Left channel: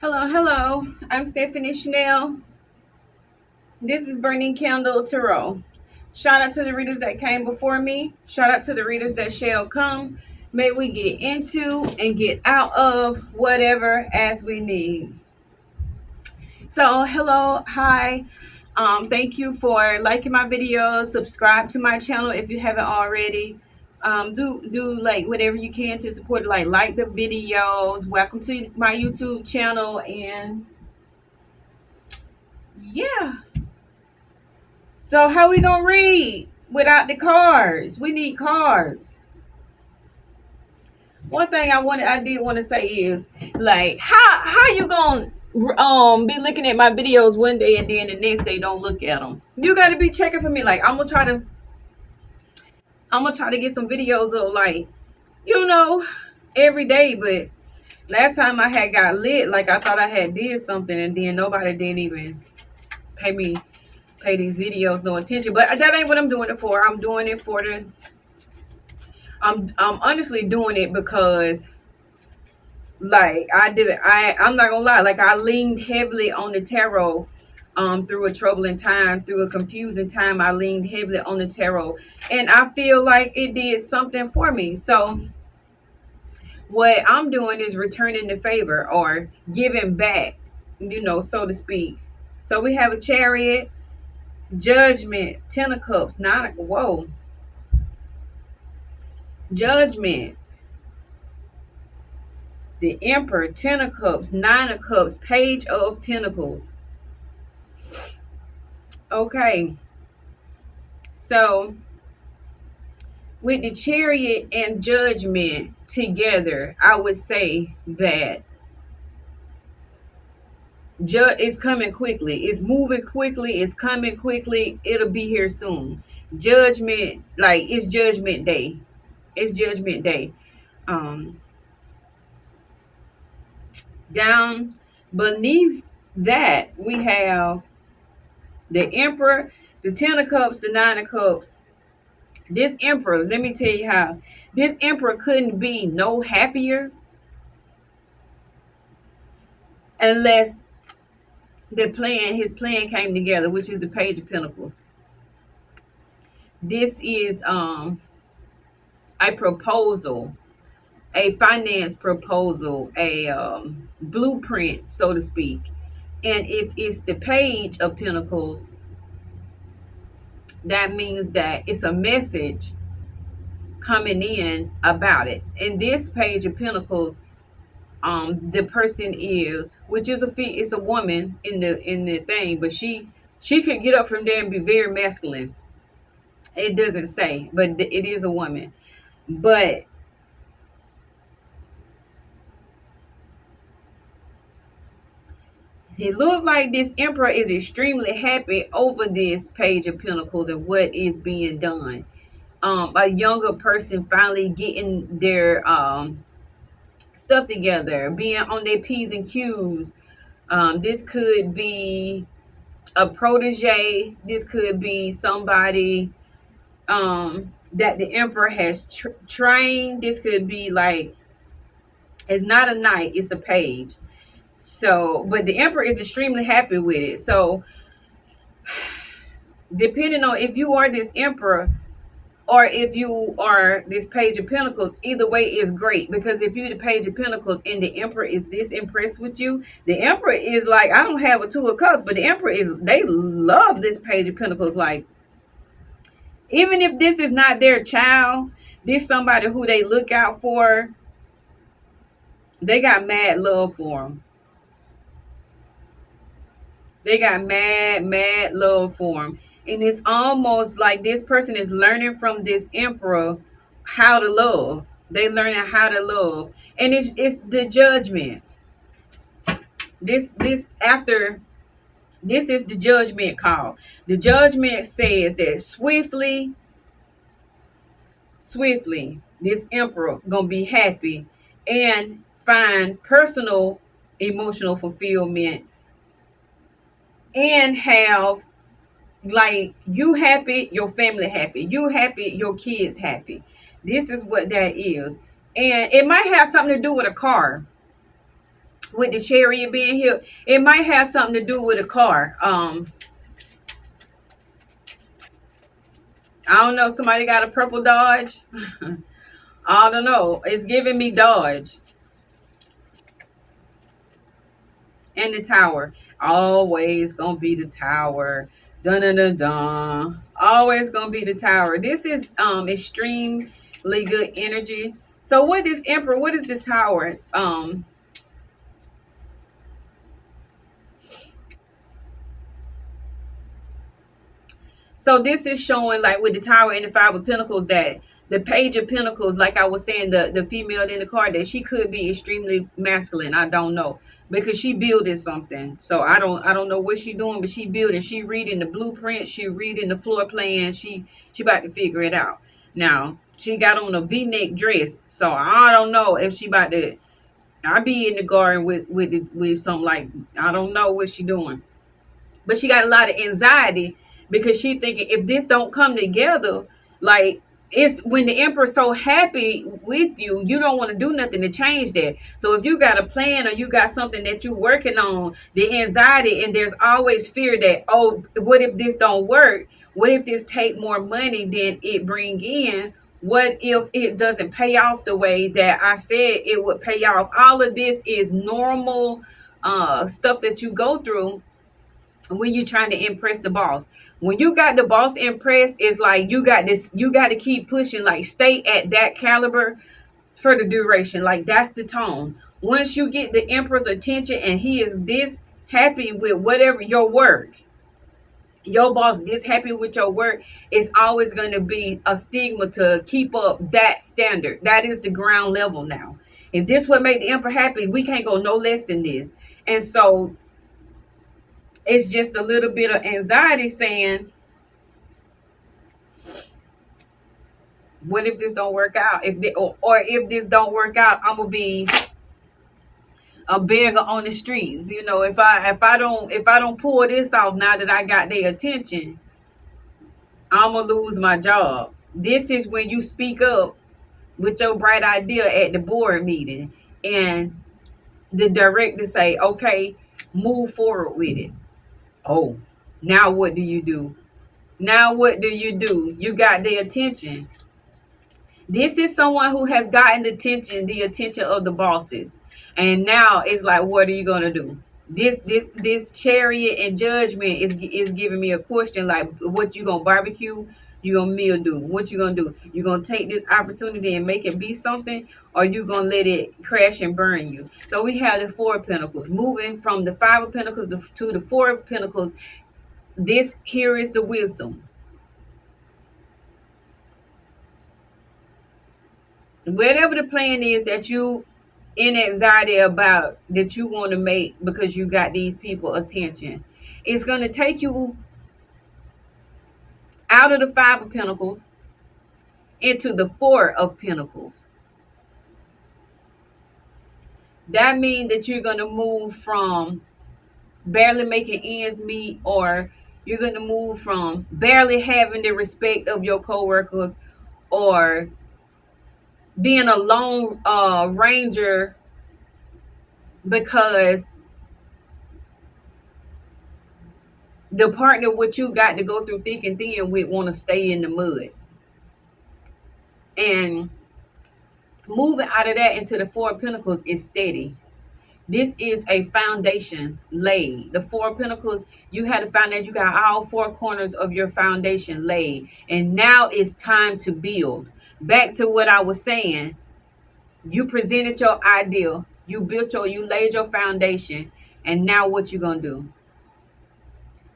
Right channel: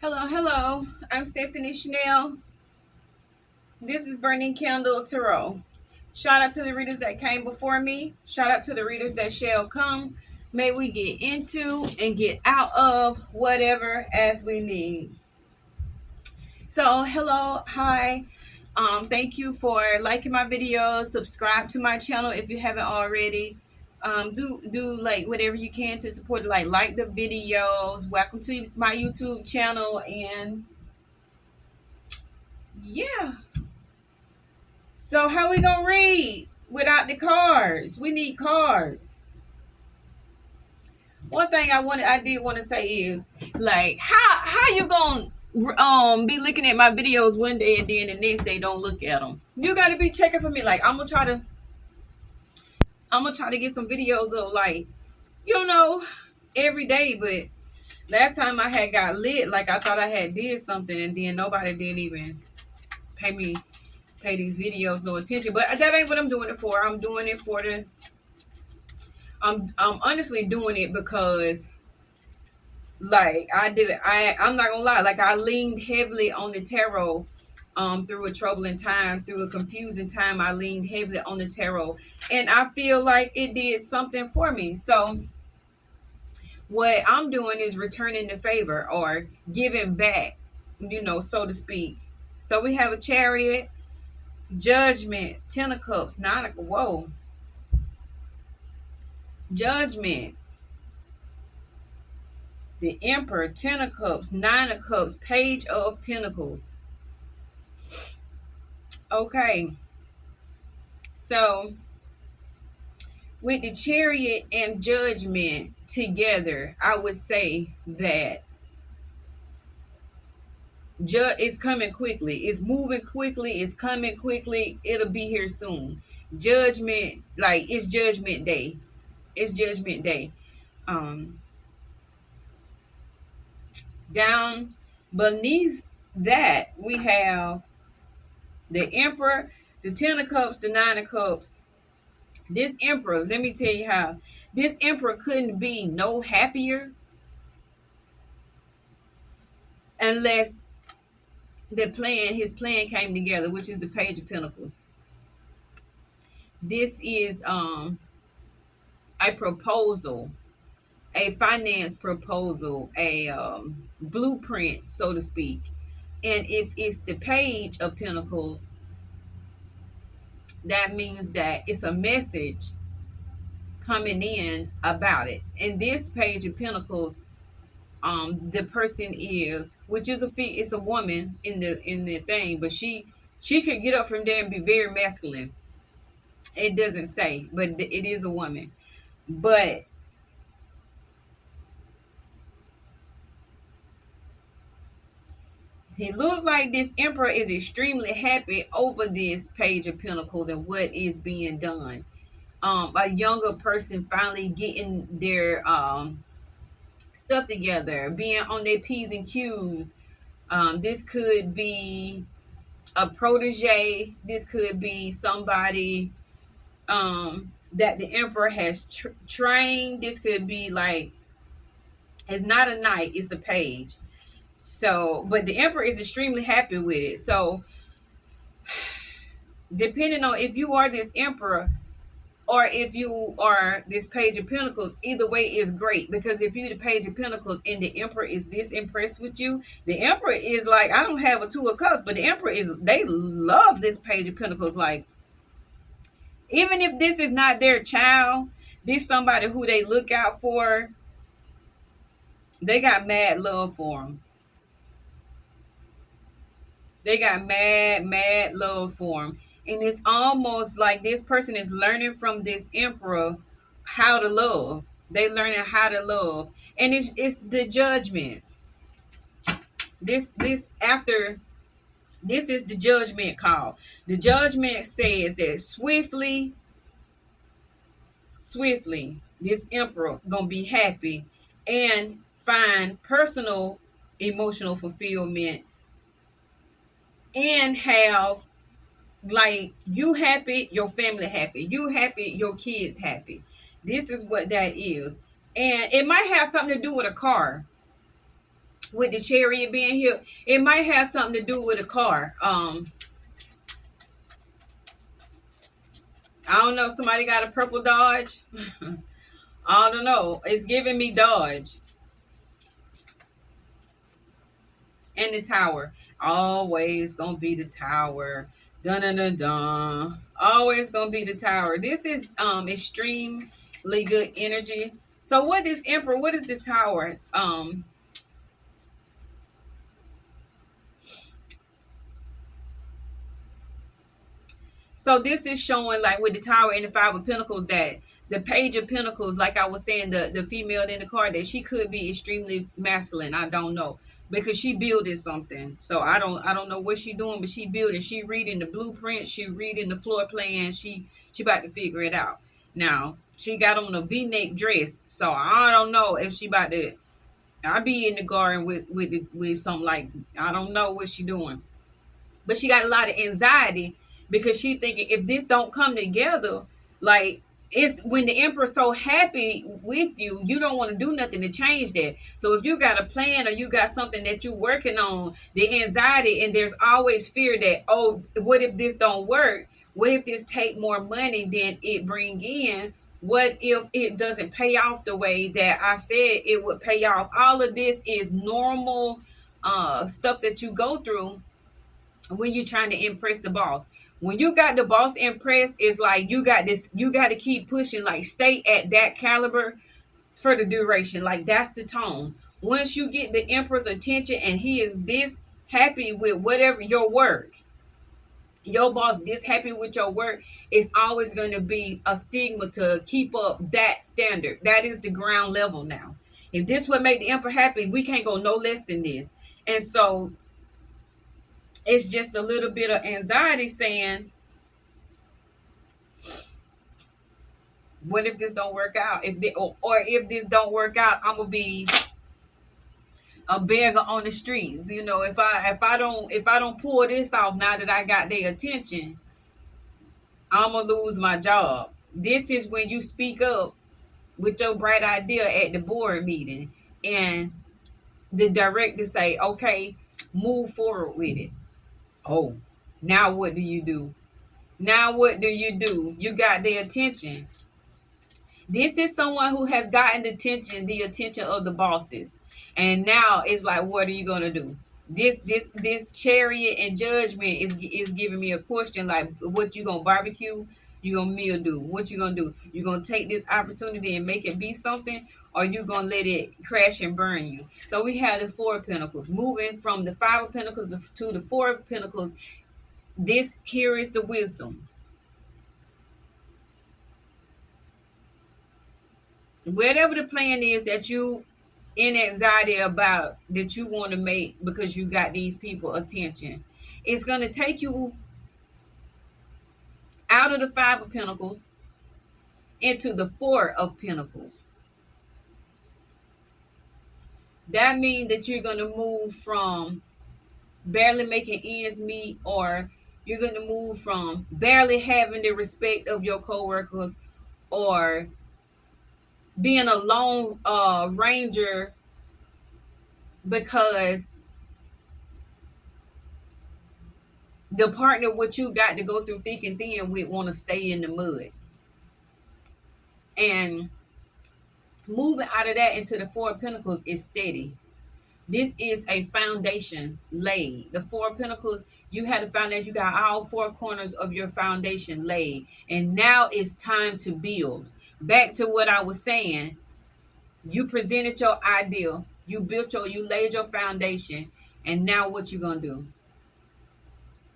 Hello, hello. I'm Stephanie Chanel. This is Burning Candle Tarot. Shout out to the readers that came before me. Shout out to the readers that shall come. May we get into and get out of whatever as we need. So, hello, hi. Thank you for liking my videos. Subscribe to my channel if you haven't already. Do like whatever you can to support it. Like the videos. Welcome to my YouTube channel, and yeah. So how we gonna read without the cards? We need cards. One thing I did want to say is like how you gonna be looking at my videos one day and then the next day don't look at them. You got to be checking for me. Like I'm gonna try to get some videos of like you know every day. But last time I had got lit, like I thought I had did something and then nobody didn't even pay these videos no attention. But that ain't what I'm doing it for. I'm doing it for the I'm honestly doing it because like I'm not gonna lie, like I leaned heavily on the tarot through a troubling time, through a confusing time. I leaned heavily on the tarot and I feel like it did something for me. So what I'm doing is returning the favor or giving back, so to speak. So we have a chariot, judgment, 10 of cups, whoa, judgment, the Emperor, 10 of cups, 9 of cups, Page of Pentacles. Okay, so with the Chariot and Judgment together, I would say that it's coming quickly. It's moving quickly. It's coming quickly. It'll be here soon. Judgment, like it's Judgment Day. It's Judgment Day. Um, Down beneath that, we have the Emperor, the 10 of cups, the 9 of cups. This Emperor, let me tell you how. This Emperor couldn't be no happier unless his plan came together, which is the Page of Pentacles. This is a proposal, a finance proposal, a blueprint, so to speak. And if it's the Page of Pentacles, that means that it's a message coming in about it. And this Page of Pentacles, the person is, which is it's a woman in the thing, but she could get up from there and be very masculine. It doesn't say, but it is a woman. But it looks like this Emperor is extremely happy over this Page of Pentacles and what is being done. A younger person finally getting their stuff together, being on their P's and Q's. This could be a protege. This could be somebody that the Emperor has trained. This could be like, it's not a knight, it's a page. So, but the Emperor is extremely happy with it. So, depending on if you are this Emperor or if you are this Page of Pentacles, either way is great. Because if you're the Page of Pentacles and the Emperor is this impressed with you, the Emperor is like, I don't have a 2 of cups, but the Emperor is, they love this Page of Pentacles. Like, even if this is not their child, this somebody who they look out for, they got mad love for them. They got mad love for him. And it's almost like this person is learning from this Emperor how to love. They learning how to love. And it's the Judgment. This after this is the Judgment call. The Judgment says that swiftly, this Emperor gonna be happy and find personal emotional fulfillment and have, like, you happy, your family happy, you happy, your kids happy. This is what that is. And it might have something to do with a car. with the Chariot being here, it might have something to do with a car. I don't know. Somebody got a purple Dodge. I don't know. It's giving me Dodge. And the Tower. Always gonna be the Tower. Dun dun dun dun. Always gonna be the Tower. This is extremely good energy. So what is Emperor? What is this Tower? So this is showing, like, with the Tower and the Five of Pentacles, that the Page of Pentacles, like I was saying, the female in the card, that she could be extremely masculine. I don't know, because she building something. So I don't know what she doing, but she building. She reading the blueprint. She reading the floor plan. She about to figure it out. Now she got on a V-neck dress, so I don't know if she about to. I be in the garden with something, like, I don't know what she doing, but she got a lot of anxiety because she thinking, if this don't come together, like, it's when the Emperor's so happy with you, you don't want to do nothing to change that. So if you got a plan or you got something that you're working on, the anxiety, and there's always fear that, oh, what if this don't work? What if this take more money than it bring in? What if it doesn't pay off the way that I said it would pay off? All of this is normal stuff that you go through when you're trying to impress the boss. When you got the boss impressed, it's like you got this, you got to keep pushing, like, stay at that caliber for the duration. Like, that's the tone. Once you get the Emperor's attention and he is this happy with whatever your work, your boss this happy with your work, it's always going to be a stigma to keep up that standard. That is the ground level now. If this would make the Emperor happy, we can't go no less than this. And so it's just a little bit of anxiety saying, what if this don't work out? Or if this don't work out, I'm gonna be a beggar on the streets. If I don't pull this off now that I got their attention, I'm gonna lose my job. This is when you speak up with your bright idea at the board meeting, and the director say, okay, move forward with it. Oh, now what do you do? Now what do you do? You got their attention. This is someone who has gotten the attention of the bosses, and now it's like, what are you gonna do? This Chariot and Judgment is giving me a question, like, what you gonna barbecue? You gonna meal do? What you gonna do? You gonna take this opportunity and make it be something, or you gonna let it crash and burn you? So we have the Four of Pentacles moving from the Five of Pentacles to the Four of Pentacles. This here is the wisdom. Whatever the plan is that you in anxiety about, that you want to make because you got these people attention, it's going to take you out of the Five of Pentacles into the Four of Pentacles. That means that you're going to move from barely making ends meet, or you're going to move from barely having the respect of your coworkers, or being a lone ranger because the partner what you got to go through thick and thin with want to stay in the mud. And moving out of that into the Four of Pentacles is steady. This is a foundation laid. The Four of Pentacles, you had a foundation. You got all four corners of your foundation laid. And now it's time to build. Back to what I was saying. You presented your idea. You laid your foundation. And now what you gonna do?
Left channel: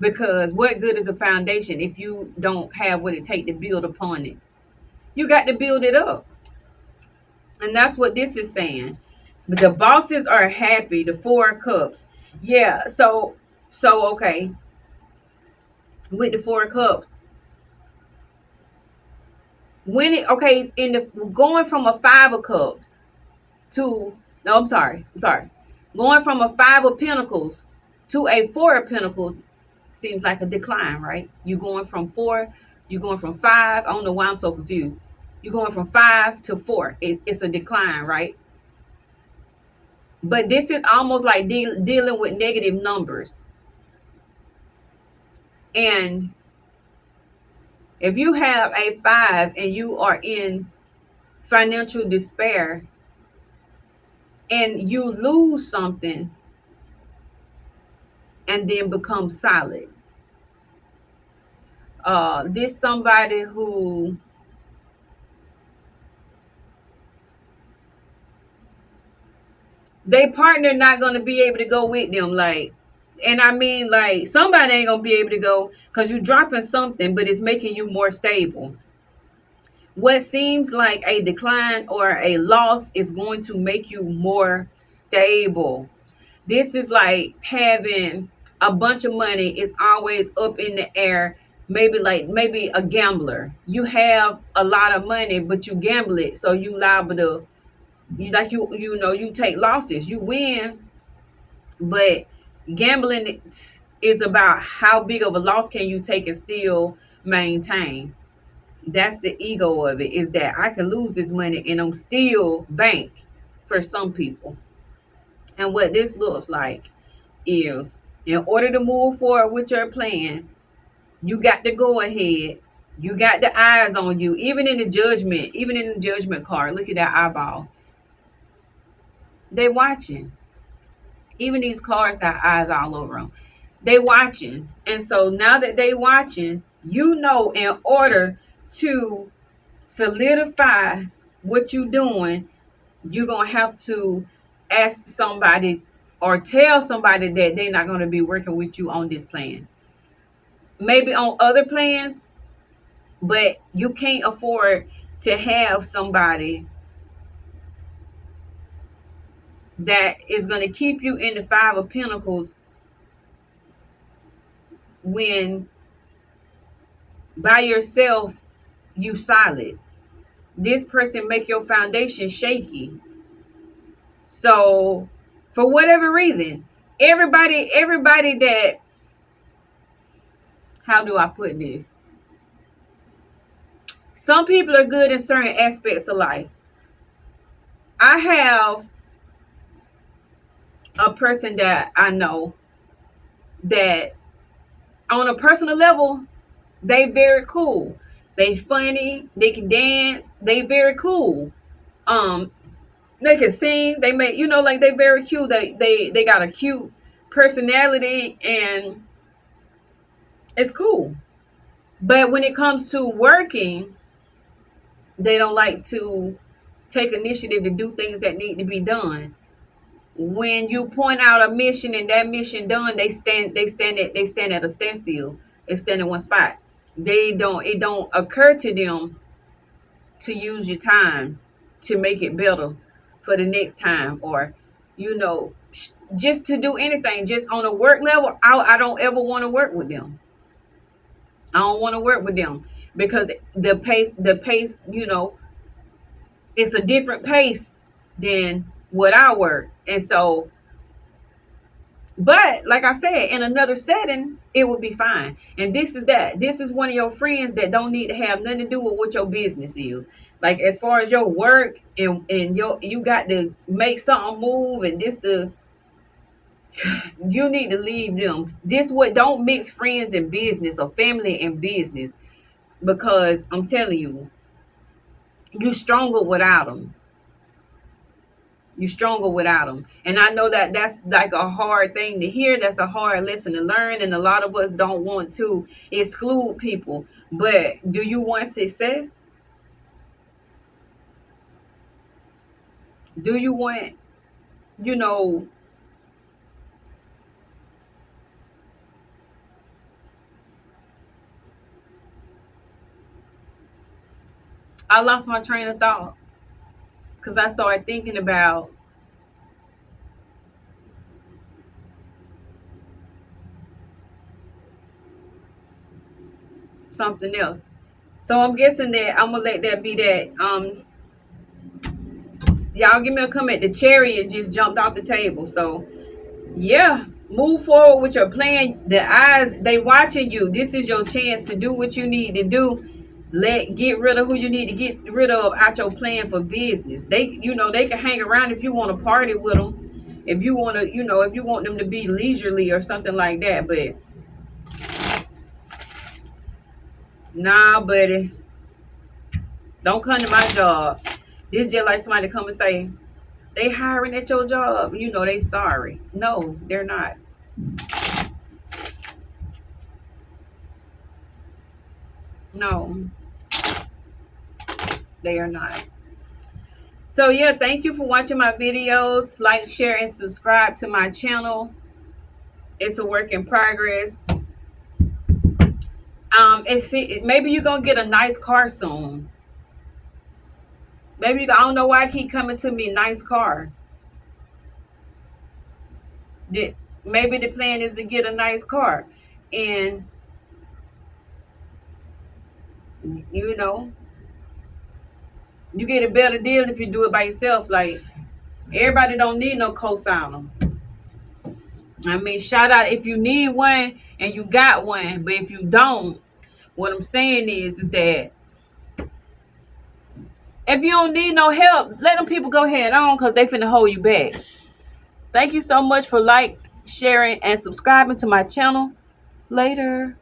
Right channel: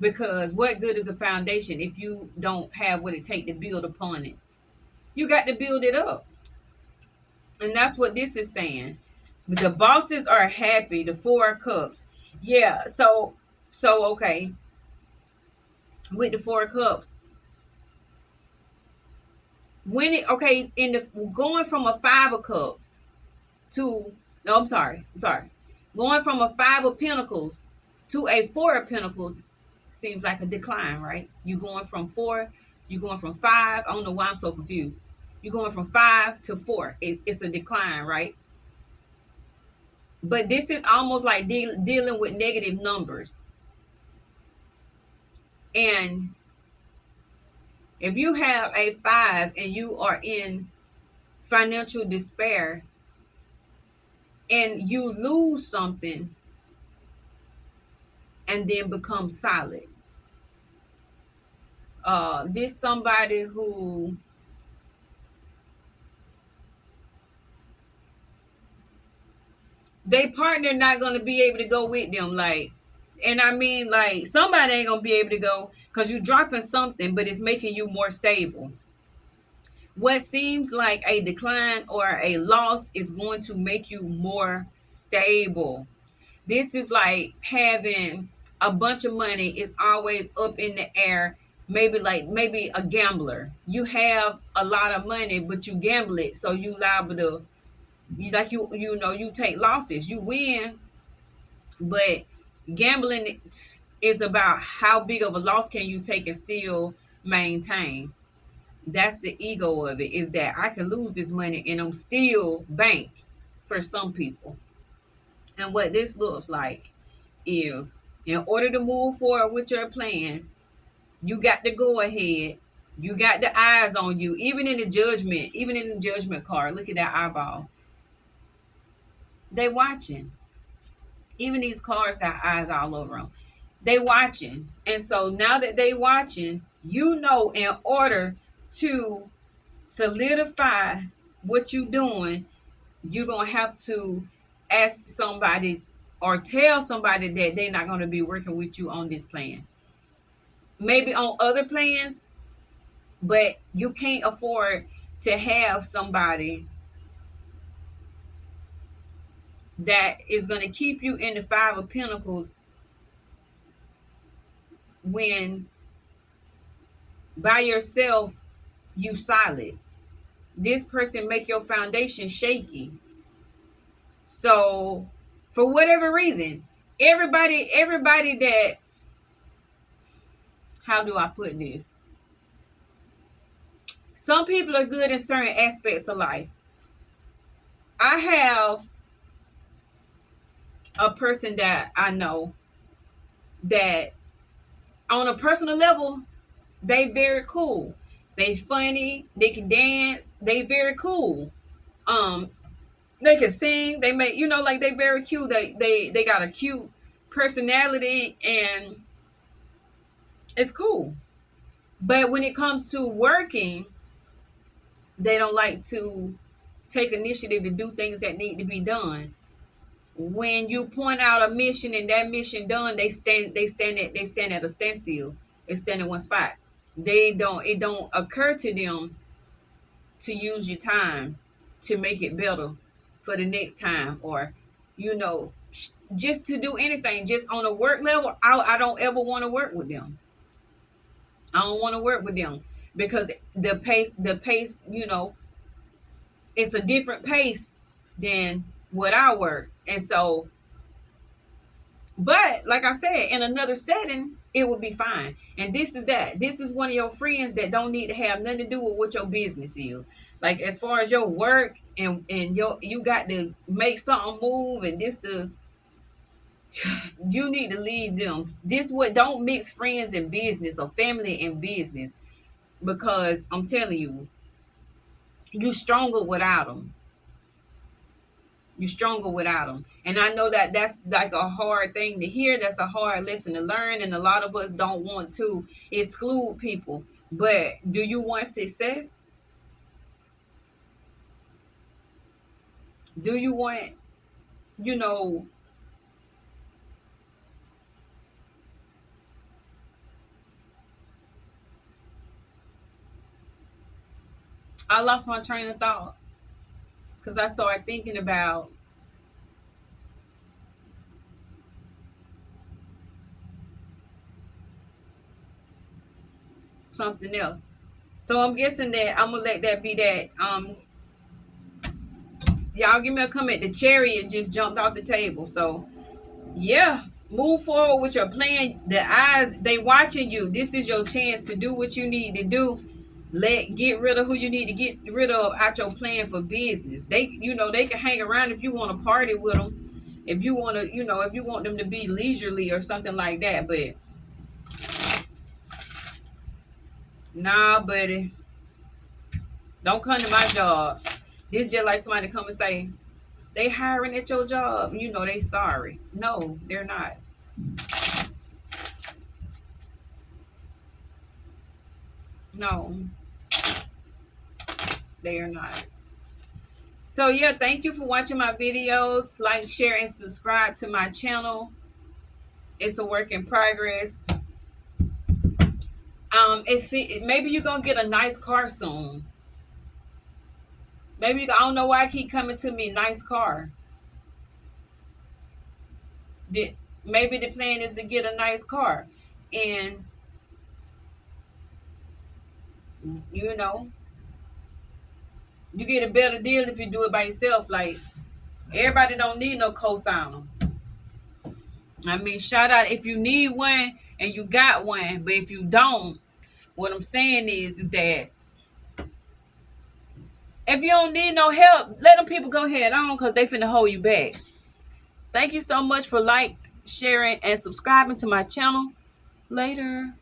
Because what good is a foundation if you don't have what it takes to build upon it? You got to build it up. And that's what this is saying. But the bosses are happy, the Four of Cups. Yeah, so okay. With the Four of Cups. When it okay, in the going from a Five of Cups to no, I'm sorry. Going from a Five of Pentacles to a Four of Pentacles seems like a decline, right? You're going from five. I don't know why I'm so confused. You're going from five to four. It's a decline, right? But this is almost like dealing with negative numbers. And if you have a 5 and you are in financial despair and you lose something and then become solid, this somebody who they partner not going to be able to go with them, like, and I mean, like, somebody ain't going to be able to go because you're dropping something, but it's making you more stable. What seems like a decline or a loss is going to make you more stable. This is like having a bunch of money is always up in the air. Maybe a gambler. You have a lot of money, but you gamble it, so you liable to you take losses. You win, but gambling is about how big of a loss can you take and still maintain. That's the ego of it, is that I can lose this money and I'm still bank for some people. And what this looks like is, in order to move forward with your plan, you got to go ahead. You got the eyes on you, even in the judgment card. Look at that eyeball. They watching. Even these cards got eyes all over them. They watching. And so now that they watching, in order to solidify what you doing, you're gonna have to ask somebody or tell somebody that they're not going to be working with you on this plan, maybe on other plans, but you can't afford to have somebody that is going to keep you in the 5 of Pentacles when by yourself you solid. This person make your foundation shaky. So for whatever reason, everybody that, how do I put this? Some people are good in certain aspects of life. I have a person that I know that on a personal level, they very cool. They funny, they can dance, they very cool. Um, they can sing, they make, like, they very cute. They got a cute personality and it's cool. But when it comes to working, they don't like to take initiative to do things that need to be done. When you point out a mission and that mission done, they stand at a standstill. They stand in one spot. It don't occur to them to use your time to make it better for the next time, or just to do anything. Just on a work level, I don't ever want to work with them. I don't want to work with them because the pace, it's a different pace than what I work. And so, but like I said, in another setting, it would be fine. And this is one of your friends that don't need to have nothing to do with what your business is. Like, as far as your work and you got to make something move, and you need to leave them. Don't mix friends and business or family and business, because I'm telling you, you stronger without them. You're stronger without them. And I know that that's like a hard thing to hear. That's a hard lesson to learn. And a lot of us don't want to exclude people. But do you want success? Do you want, you know, I lost my train of thought because I started thinking about something else. So I'm guessing that I'm gonna let that be that. Y'all give me a comment. The chariot just jumped off the table. So yeah, move forward with your plan. The eyes, they watching you. This is your chance to do what you need to do. Get rid of who you need to get rid of out your plan for business. They can hang around if you want to party with them, if you want to, if you want them to be leisurely or something like that. But nah, buddy, don't come to my job. This just like somebody come and say they hiring at your job. They sorry. No, they're not. No, they are not. So yeah, thank you for watching my videos. Like, share, and subscribe to my channel. It's a work in progress. Maybe you're gonna get a nice car soon. Maybe I don't know why I keep coming to me nice car. Maybe the plan is to get a nice car, and you know you get a better deal if you do it by yourself. Like, everybody don't need no cosigner. I mean, shout out if you need one and you got one, but if you don't, what I'm saying is that if you don't need no help, let them people go ahead on, because they finna hold you back. Thank you so much for sharing, and subscribing to my channel. Later.